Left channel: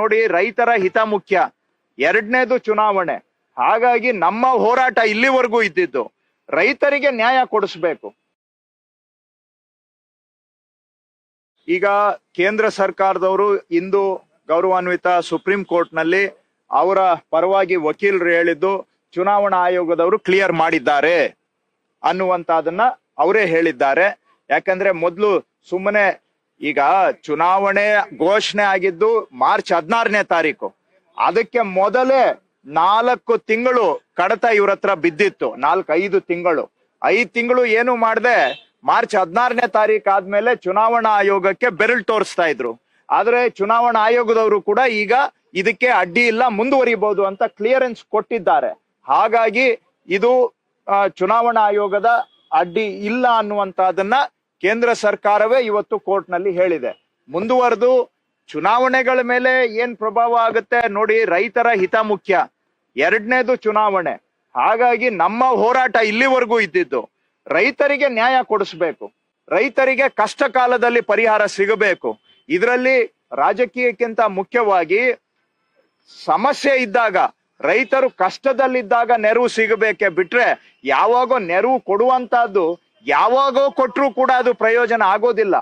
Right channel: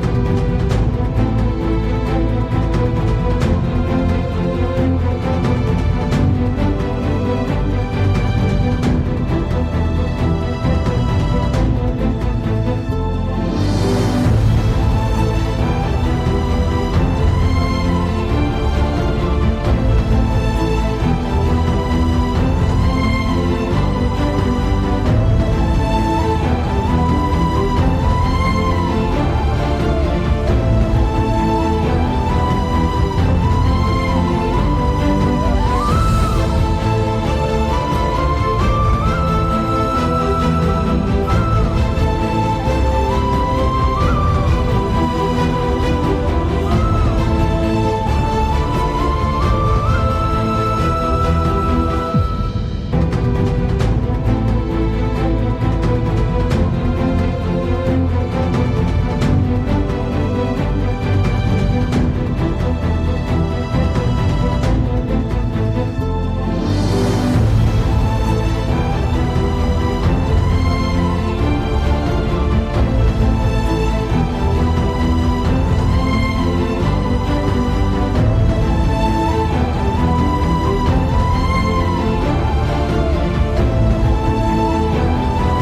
ನೋಡಿ ರೈತರ ಹಿತ ಮುಖ್ಯ. ಎರಡನೇದು ಚುನಾವಣೆ. ಹಾಗಾಗಿ ನಮ್ಮ ಹೋರಾಟ ಇಲ್ಲಿವರೆಗೂ ಇದ್ದಿದ್ದು. ರೈತರಿಗೆ ನ್ಯಾಯ ಕೊಡಿಸ್ಬೇಕು. ಈಗ ಕೇಂದ್ರ ಸರ್ಕಾರದವರು ಇಂದು ಗೌರವಾನ್ವಿತ ಸುಪ್ರೀಂ ಕೋರ್ಟ್ನಲ್ಲಿ ಅವರ ಪರವಾಗಿ ವಕೀಲರು ಹೇಳಿದ್ದು, ಚುನಾವಣಾ ಆಯೋಗದವರು ಕ್ಲಿಯರ್ ಮಾಡಿದ್ದಾರೆ ಅನ್ನುವಂಥದ್ದನ್ನು ಅವರೇ ಹೇಳಿದ್ದಾರೆ. ಯಾಕಂದ್ರೆ ಮೊದಲು ಸುಮ್ಮನೆ ಈಗ ಚುನಾವಣೆ ಘೋಷಣೆ ಆಗಿದ್ದು ಮಾರ್ಚ್ ಹದಿನಾರನೇ ತಾರೀಕು. ಅದಕ್ಕೆ ಮೊದಲೇ ನಾಲ್ಕು ತಿಂಗಳು ಕಡತ ಇವ್ರ ಹತ್ರ ಬಿದ್ದಿತ್ತು. ನಾಲ್ಕೈದು ತಿಂಗಳು. ಐದು ತಿಂಗಳು ಏನು ಮಾಡದೆ, ಮಾರ್ಚ್ ಹದಿನಾರನೇ ತಾರೀಕು ಆದ್ಮೇಲೆ ಚುನಾವಣಾ ಆಯೋಗಕ್ಕೆ ಬೆರಳು ತೋರಿಸ್ತಾ ಇದ್ರು. ಆದರೆ ಚುನಾವಣಾ ಆಯೋಗದವರು ಕೂಡ ಈಗ ಇದಕ್ಕೆ ಅಡ್ಡಿ ಇಲ್ಲ ಮುಂದುವರಿಬಹುದು ಅಂತ ಕ್ಲಿಯರೆನ್ಸ್ ಕೊಟ್ಟಿದ್ದಾರೆ. ಹಾಗಾಗಿ ಇದು ಚುನಾವಣಾ ಆಯೋಗದ ಅಡ್ಡಿ ಇಲ್ಲ ಅನ್ನುವಂತಹದನ್ನ ಕೇಂದ್ರ ಸರ್ಕಾರವೇ ಇವತ್ತು ಕೋರ್ಟ್ನಲ್ಲಿ ಹೇಳಿದೆ. ಮುಂದುವರೆದು ಚುನಾವಣೆಗಳ ಮೇಲೆ ಏನ್ ಪ್ರಭಾವ ಆಗುತ್ತೆ ನೋಡಿ, ರೈತರ ಹಿತ ಮುಖ್ಯ. ಎರಡನೇದು ಚುನಾವಣೆ. ಹಾಗಾಗಿ ನಮ್ಮ ಹೋರಾಟ ಇಲ್ಲಿವರೆಗೂ ಇದ್ದಿದ್ದು. ರೈತರಿಗೆ ನ್ಯಾಯ ಕೊಡಿಸ್ಬೇಕು. ರೈತರಿಗೆ ಕಷ್ಟ ಕಾಲದಲ್ಲಿ ಪರಿಹಾರ ಸಿಗಬೇಕು. ಇದರಲ್ಲಿ ರಾಜಕೀಯಕ್ಕಿಂತ ಮುಖ್ಯವಾಗಿ ಸಮಸ್ಯೆ ಇದ್ದಾಗ, ರೈತರು ಕಷ್ಟದಲ್ಲಿದ್ದಾಗ ನೆರವು ಸಿಗಬೇಕೆ ಬಿಟ್ರೆ ಯಾವಾಗೋ ನೆರವು ಕೊಡುವಂತಹದ್ದು, ಯಾವಾಗೋ ಕೊಟ್ಟರೂ ಕೂಡ ಅದು ಪ್ರಯೋಜನ ಆಗೋದಿಲ್ಲ.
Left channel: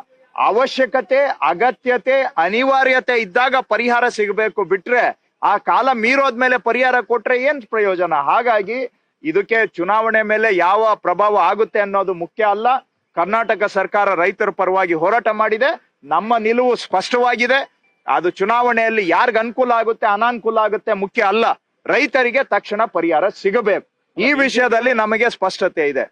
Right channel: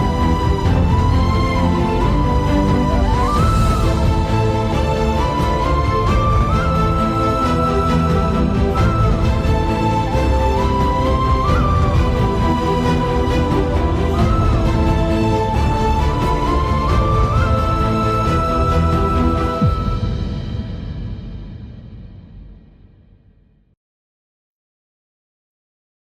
ಅವಶ್ಯಕತೆ, ಅಗತ್ಯತೆ, ಅನಿವಾರ್ಯತೆ ಇದ್ದಾಗ ಪರಿಹಾರ ಸಿಗಬೇಕು ಬಿಟ್ರೆ ಆ ಕಾಲ ಮೀರೋದ್ಮೇಲೆ ಪರಿಹಾರ ಕೊಟ್ರೆ ಏನ್ ಪ್ರಯೋಜನ? ಹಾಗಾಗಿ ಇದಕ್ಕೆ ಚುನಾವಣೆ ಮೇಲೆ ಯಾವ ಪ್ರಭಾವ ಆಗುತ್ತೆ ಅನ್ನೋದು ಮುಖ್ಯ ಅಲ್ಲ. ಕರ್ನಾಟಕ ಸರ್ಕಾರ ರೈತರ ಪರವಾಗಿ ಹೋರಾಟ ಮಾಡಿದೆ. ನಮ್ಮ ನಿಲುವು ಸ್ಪಷ್ಟವಾಗಿದೆ. ಅದು ಚುನಾವಣೆಯಲ್ಲಿ ಯಾರಿಗ ಅನುಕೂಲ ಆಗುತ್ತೆ, ಅನಾನುಕೂಲ ಆಗುತ್ತೆ ಮುಖ್ಯ ಅಲ್ಲ. ರೈತರಿಗೆ ತಕ್ಷಣ ಪರಿಹಾರ ಸಿಗಬೇಕು. ಈ ವಿಷಯದಲ್ಲಿ ನಮಗೆ ಸ್ಪಷ್ಟತೆ ಇದೆ.